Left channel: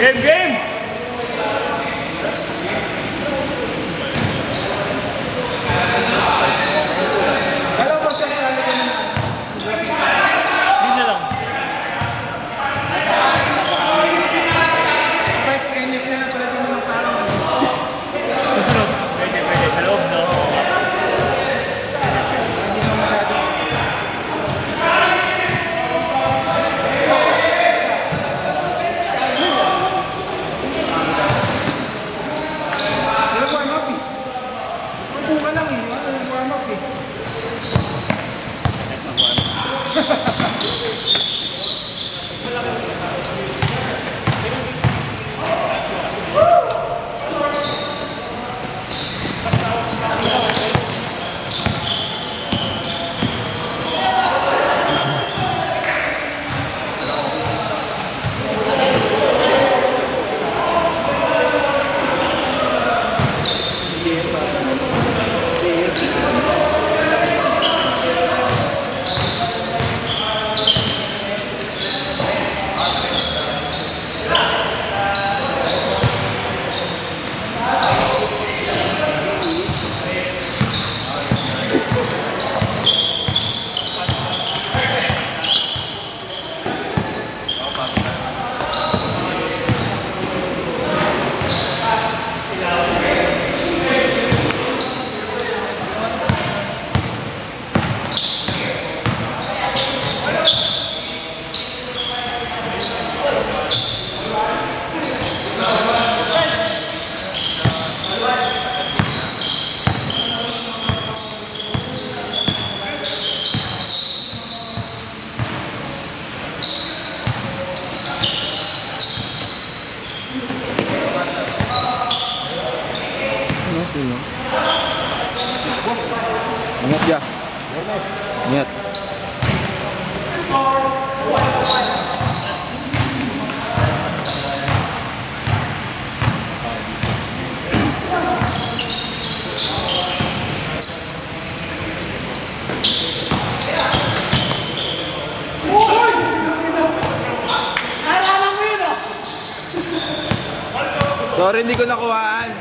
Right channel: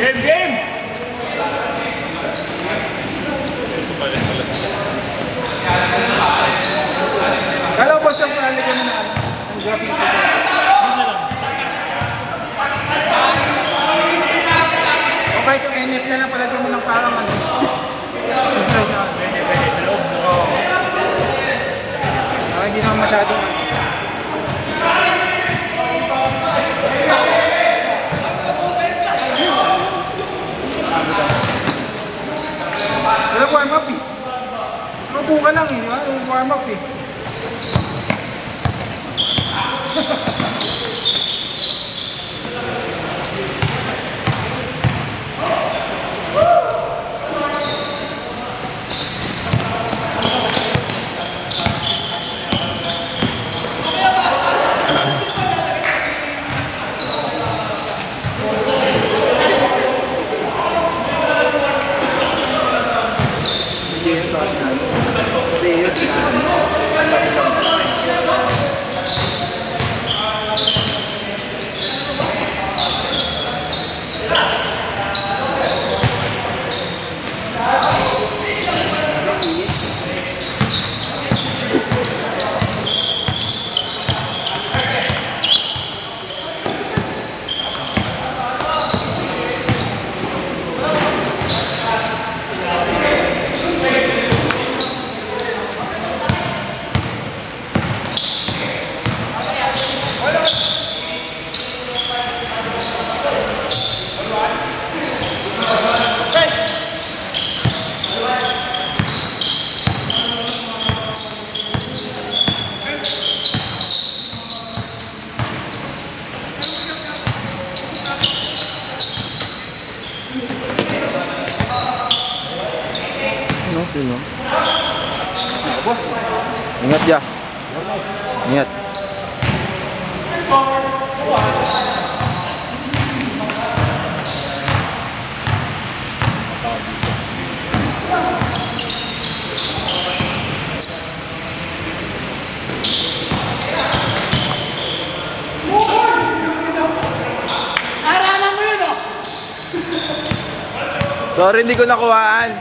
Game, game! Hello, boss, yung pala ko naman. Okay, NF na pala din mo ng parang ano. Pwede, sa loob, no? Hindi naman masyado. Wala warm up eh. Upo ka lang eh. Wala warm up eh. Ano? Sino? Ingat ya. Ingat. Sorry, hindi ko nakuhaan.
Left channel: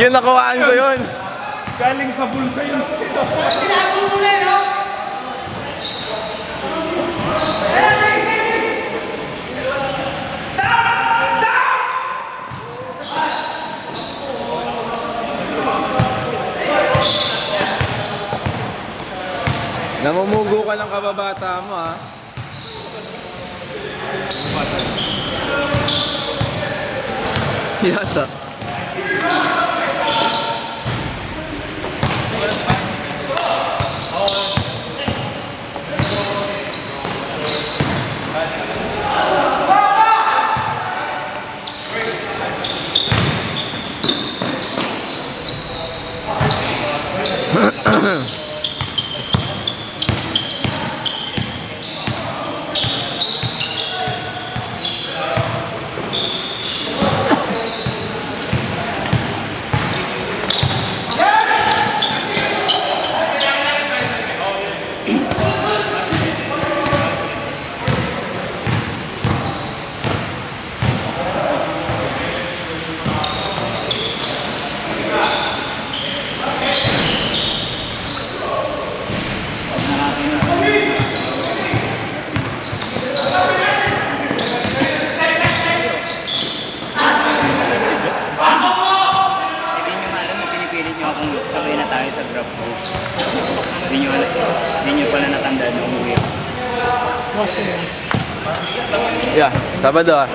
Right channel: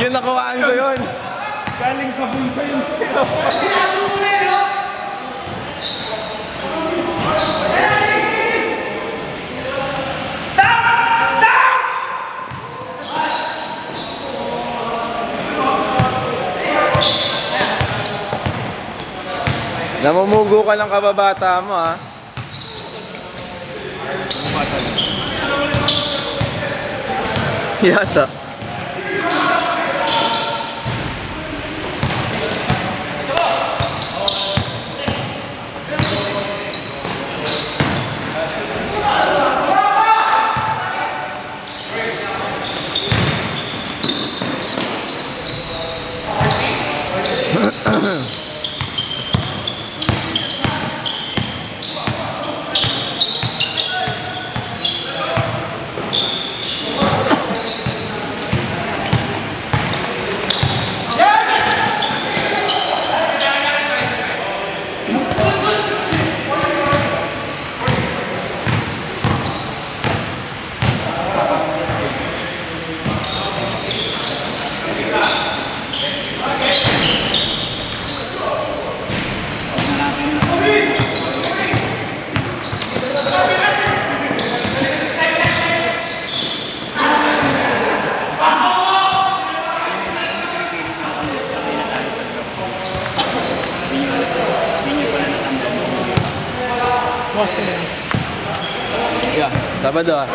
Yun, nakuhaan ko yun. Galing sa bulsa yun. Namumugo ka ng kababata mo, ha? Yata. Yeah, Sabado, ah.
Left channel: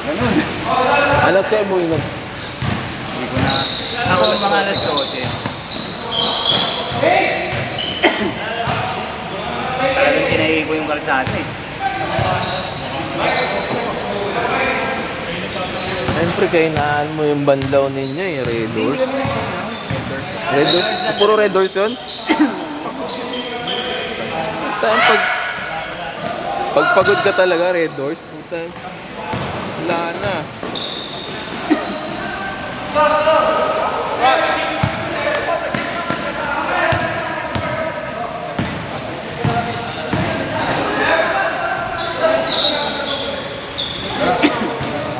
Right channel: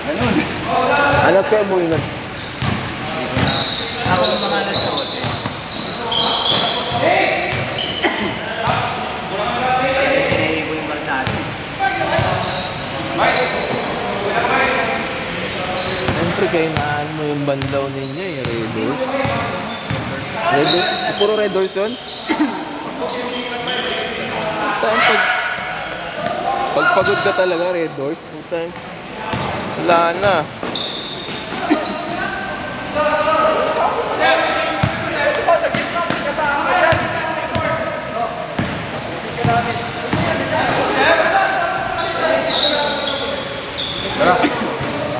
Ganun. Ano score mo yun? Ako ang mga nasuot. Ito yung kalsado. Siyempre, kainaan mo yung bandaw ninyo, yung Red Horse. Red Horse? Puro Red Horse yun? Putang, pag pagod ka talaga, Red Horse, putang, wala na.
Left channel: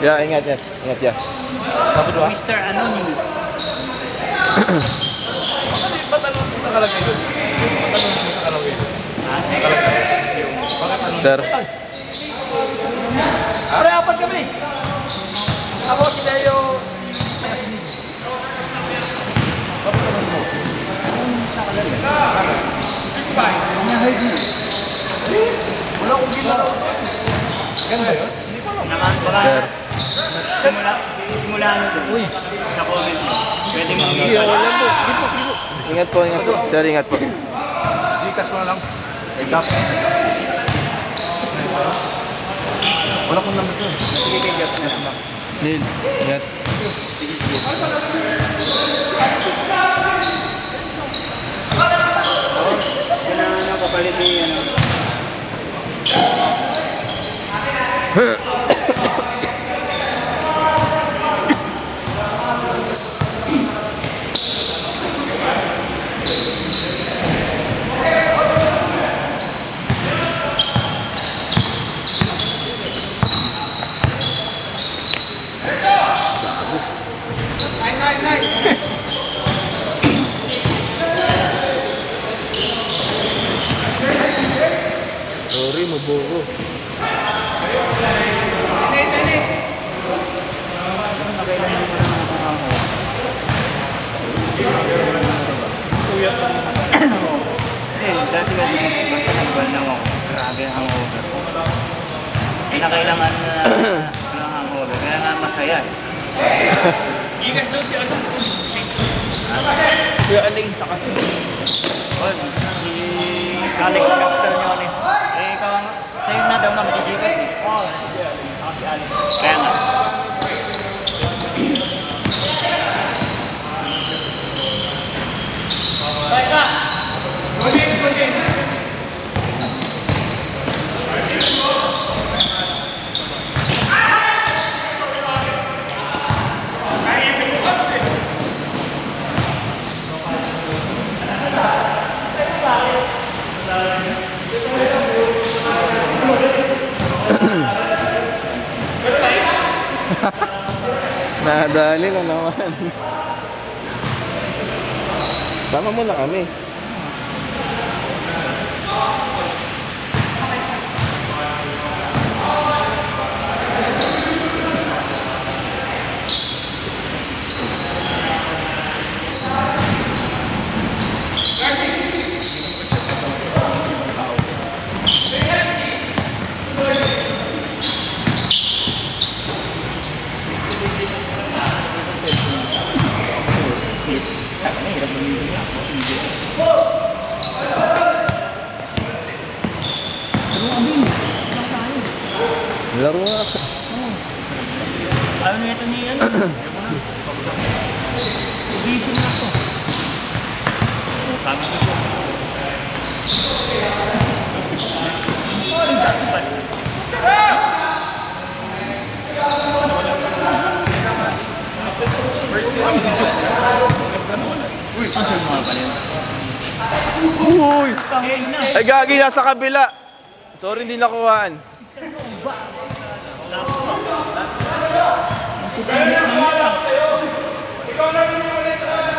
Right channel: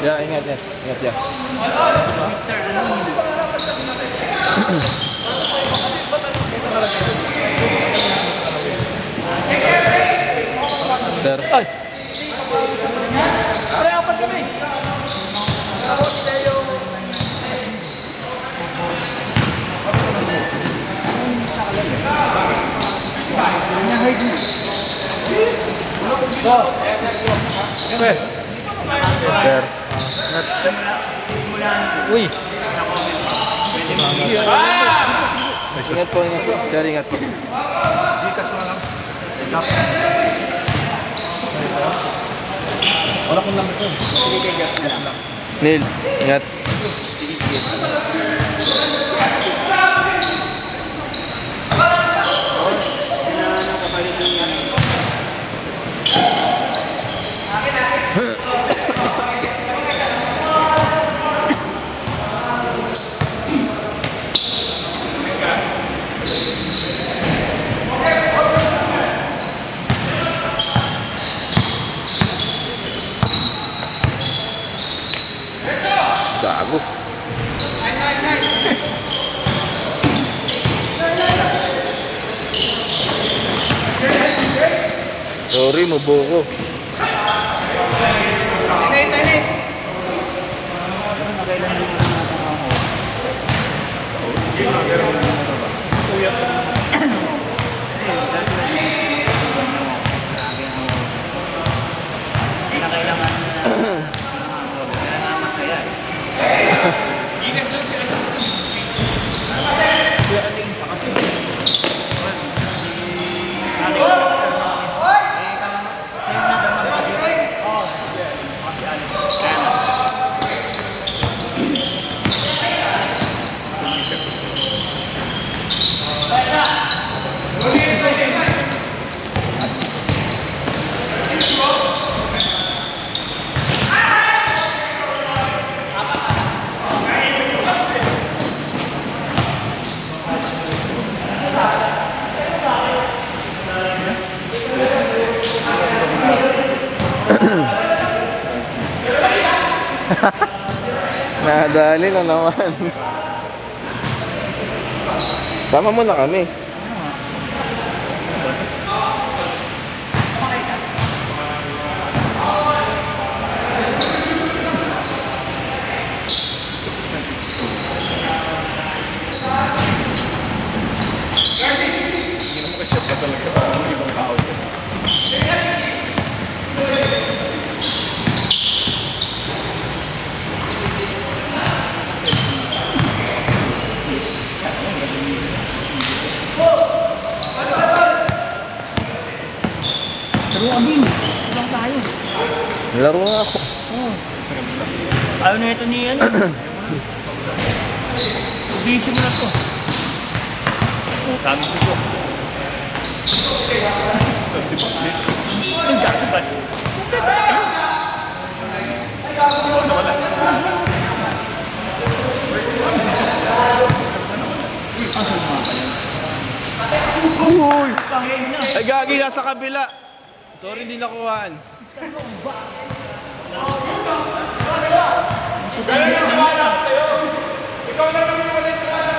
Ya, ingat ya. Ingat ya. Sir. Pare, apat kami. Tapos kayo. Hinahide mo. Sir. Uy. Ingat po, ingat po. Sir, ingat po. Gcash ko na lang. Wala kong number ko. Sige, Gcash na lang. Neil, ingat. Gago. Sorry, maboko. Nakailan naman ang nakakaho. Nadali lang naman. Sama mo na kami. Laro nga ako. Ayaw na ito niya yan. Busy na ito. Tama ko. Uy! Ay, gagi na sa kabila. Sorry, hindi nakuhaan. Ikaw na ulit ko na.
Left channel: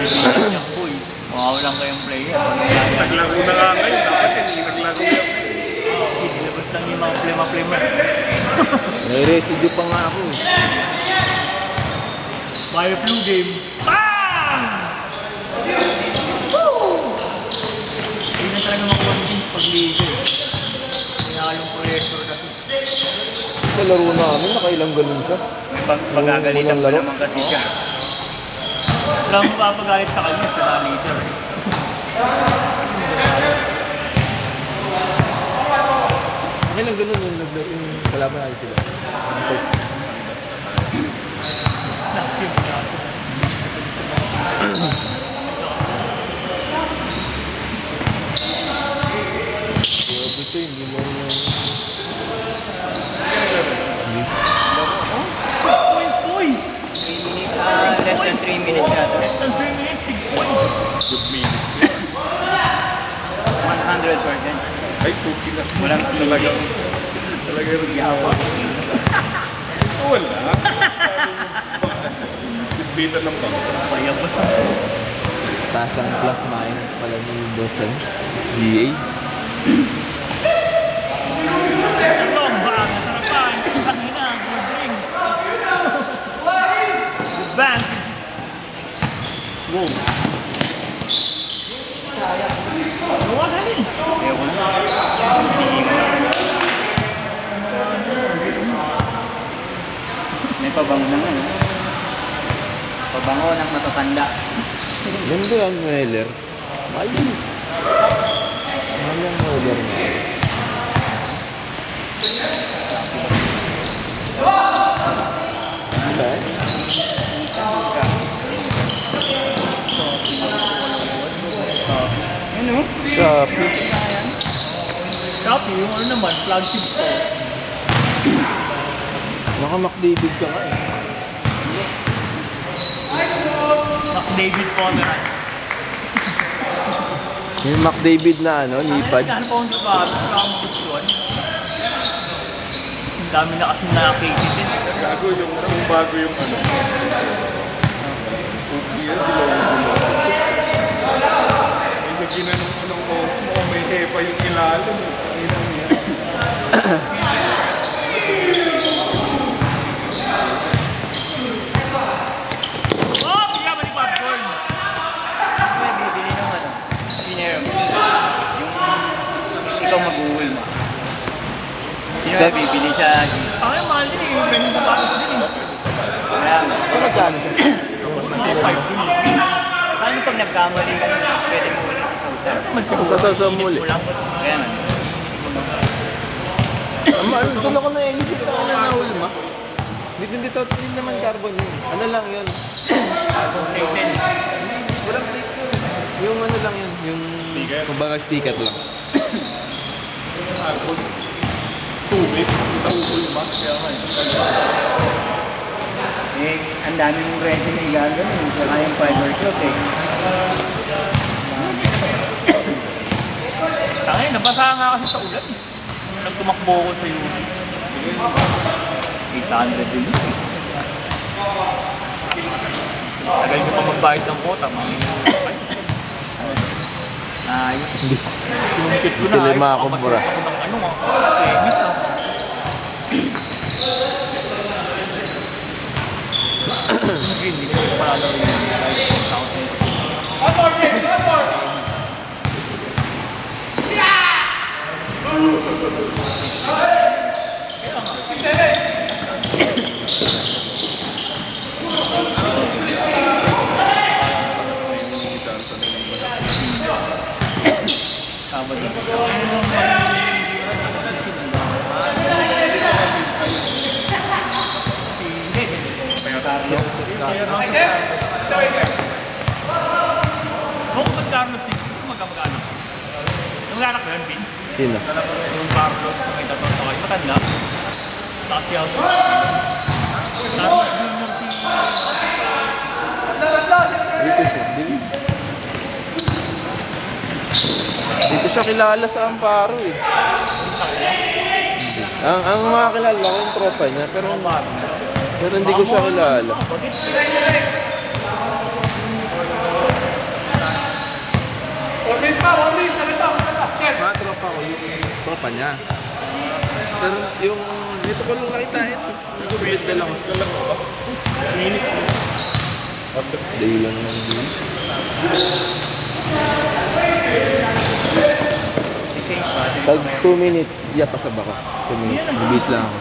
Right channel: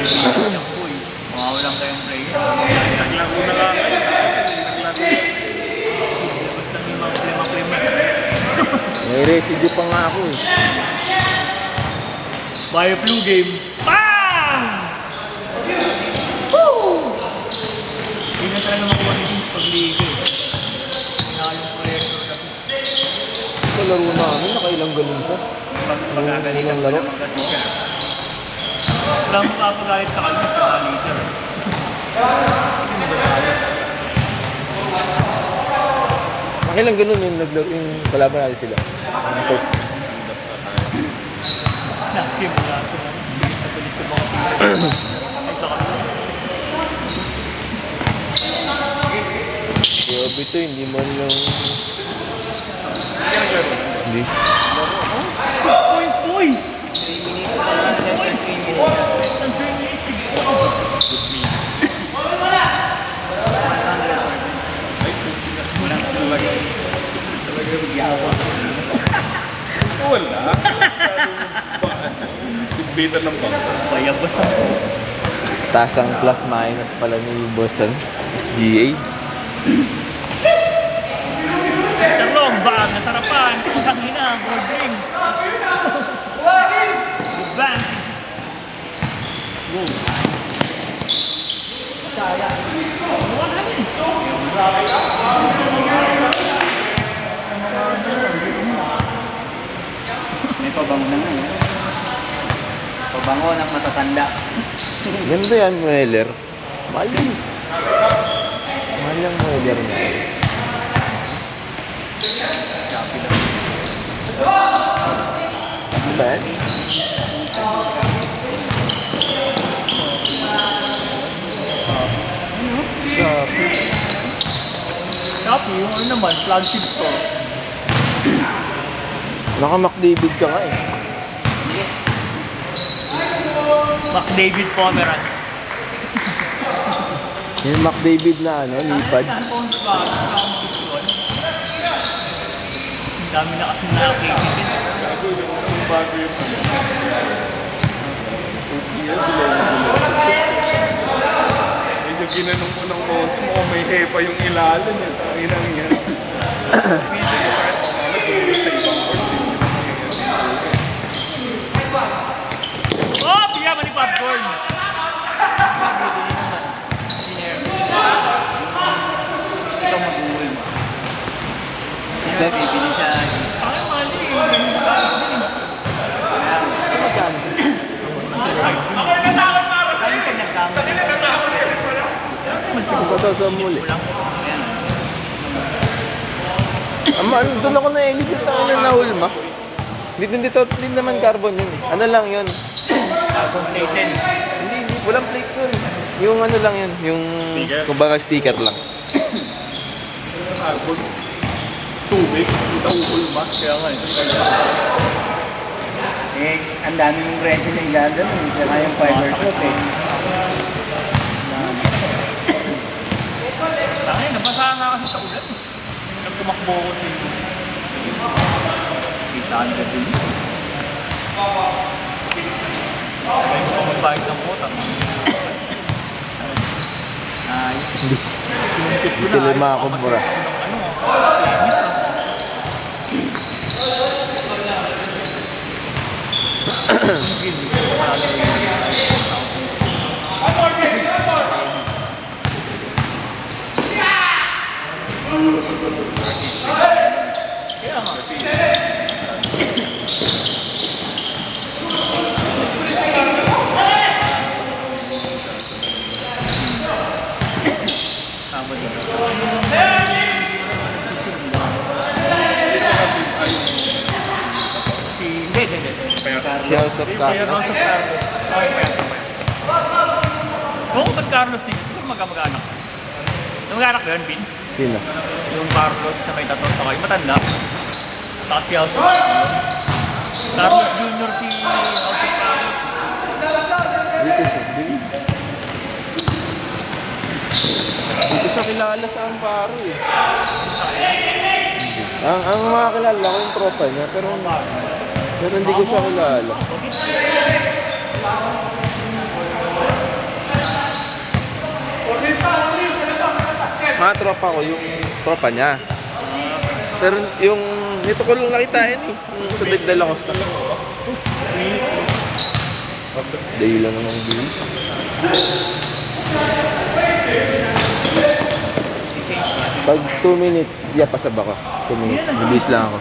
Mawawalan ko yung player. Basta may mga klima-klima. May residue pa nga ako. Bio flu game. Bang! Woo! Hindi na talaga makuha ni James pagligo. Pinakaling proyekto kasi. Sa laro namin, nakailang ganun siya. Pag-agalit Unang laro. naman kasi siya. Wala mo papagalit sa kanya, sa manager. Nakailang ganun yung naglaro yung kalaban natin sila. Ang coach. Grabe ito, hindi mo yung... Hindi. Uy! Talaga yung yawa. Wala. Bibitan ng bangka. Taas ang plus minus pala ni Bossen. SBA. Lomba! Nasarapan! Kanina! Good bang! Go! Sayang. Wala rin. May pabango na nga. Pabango ng matatanda. Ganda yan, Mueller. Mahal yun. Mahal yung Mueller na. Ba? Shopee. Shopee, yung ano naman, flagship store. Naka-McDavid ka nga eh. McDavid Pomeranz. Yung McDavid na ano, lipad. Saan po ang yun? Ang dami na kasi nakakita. Ang bago yung Hindi ginanong ko ng mukhang may hepa yung ilalim eh. Ang inang yan. Oh! Pinabalipad goal! Ito mag-uwi na. Set. Bibili sa... Ay, mahal yun. Ganun na ba? Ano magkano? Saan yung pag nagkamali ka? Sa muli. Doon ako na-elevate ako na nahulma. Hindi naman carbon yun. Ano lang yun? Walang plate yun. Yung ano lang yun. Yung kumbaga sticker lang. Tubig. Itauhul ba? Kaya nga Eh, ang dami mong resin na igagano. Tsaka yung fiber cloth eh. Ay, nabasa nga kasi sa ulan. Nung tumakbo ko sa inyo. Itaan ko din. Kaya ko magbayad ng kota. Ay, Hindi lima ako mura. Oo, Carlos dito. Magkamag-anak. Yung anak yun, Vin. Sino? Yung Carlos sa may tatlong sakay. Matanda. Pacquiao. Tapos junior si... Dito siya. Dito siya kilala sa Amparo eh. Ang mga kilala ko yung tropa niya, pero hindi ko siya kilala. Mga tropa ko, yung tropa niya. Pero yung dito ko lang nakita yung sulit na lang ako. Dahil lang naman din. Pag 2 minutes, pasab ako. 2 minutes, bibis lang ako.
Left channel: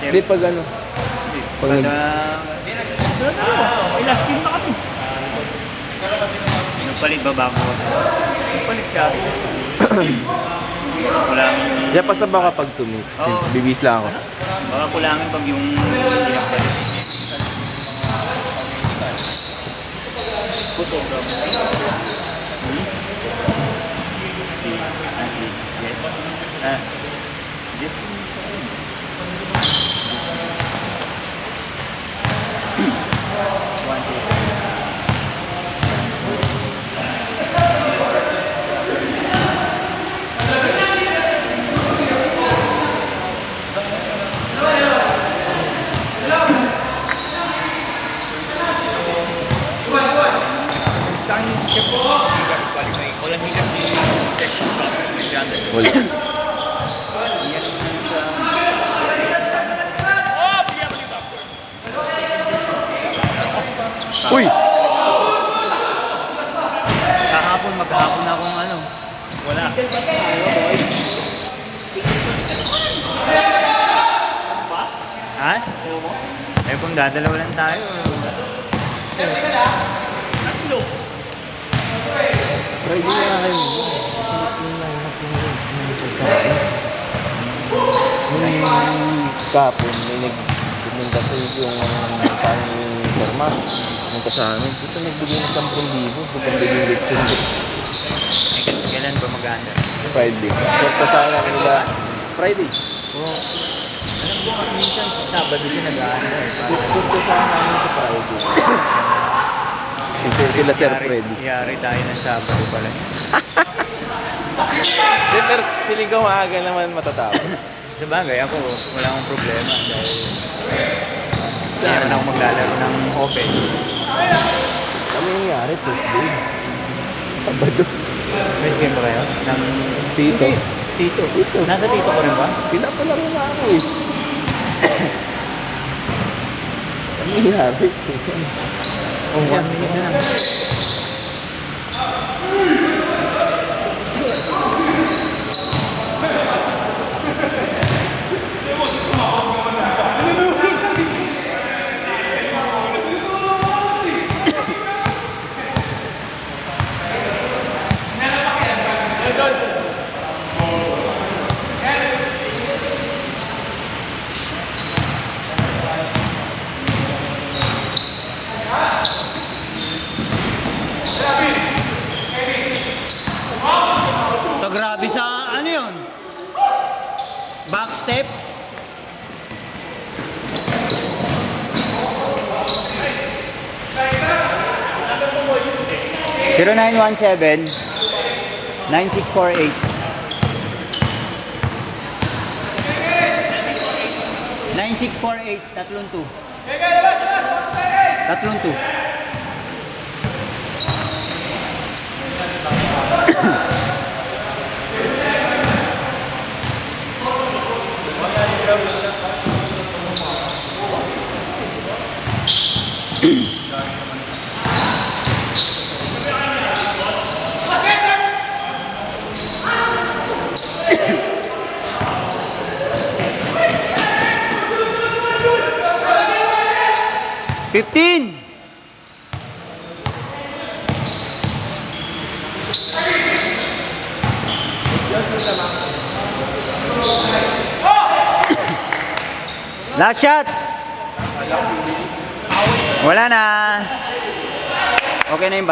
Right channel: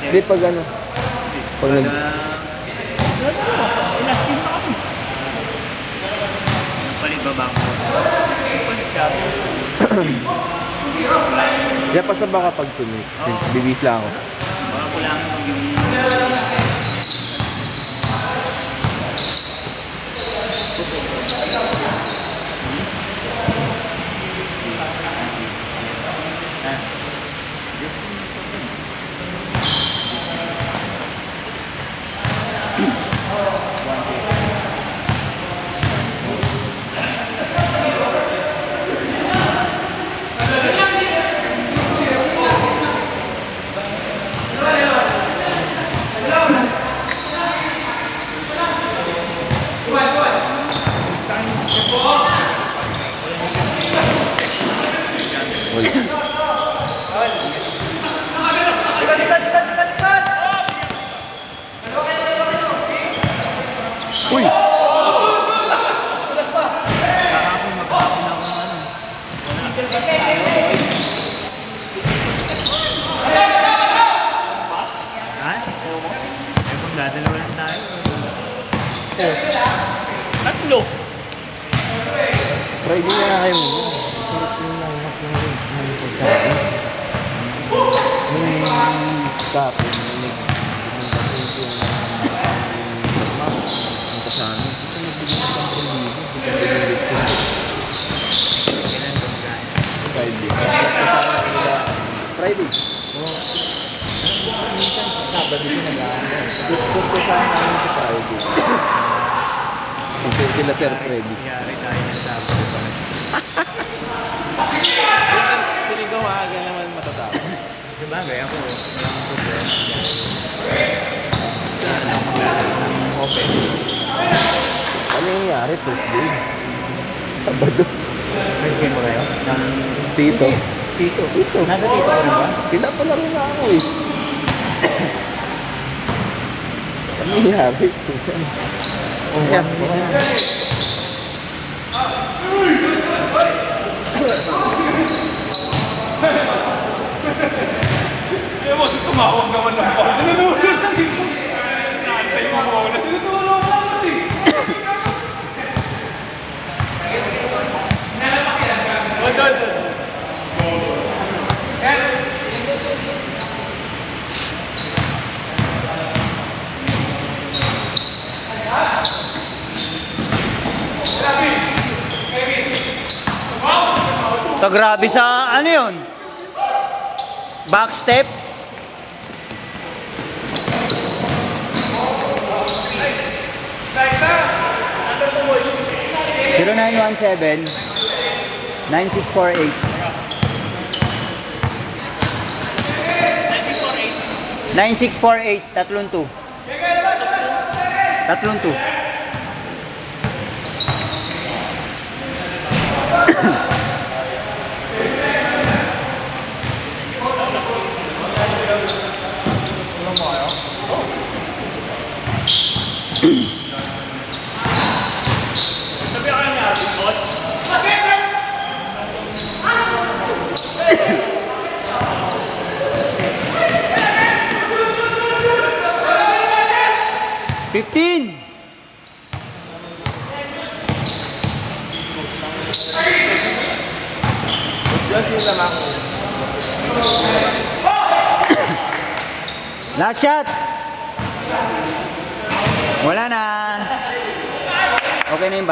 Hindi pag ano, pag nag... Palibaba mo. Pasab ako pag 2 minutes. Bibis lang ako. Baka kulangan pag yung... Wala. Uy! Kahapon mapapapon akong ano. Ha? Eh kung dadalawa lang tayo. Tatlo. Friday na kayo. Sarap yung lineup yung pagkain. Nung kapon, nung pumunta ko yung taong Burma, yung kasama, dito nagbigay ng 10,000. Bigyan ng litro. Yan ang gumagana. Friday. Set kasama nila. Friday. Oo. Alam ko minsan sa Sabado din nag-aanda. Set kasama namin sa Friday. Sila Sir Freddy. Nangyari tayo ng Sabado pala. Pero pinigaw aga naman matatapos. Sa bagay ako, wala akong problema. Kaya lang maglalaro ng open. Kami nangyari, first game. Sabado. First game ba kayo? Ng Tito. Tito. Tito. Nasa Tito ko rin ba? Pila pa lang na ako eh. Kami nangyari. Oh, one minute na. So, grabe sa ano yun? Back step. Zero 0917 9648 9648 tatlong 2 tatlong 2 15. Last shot. Wala na. Okay na yung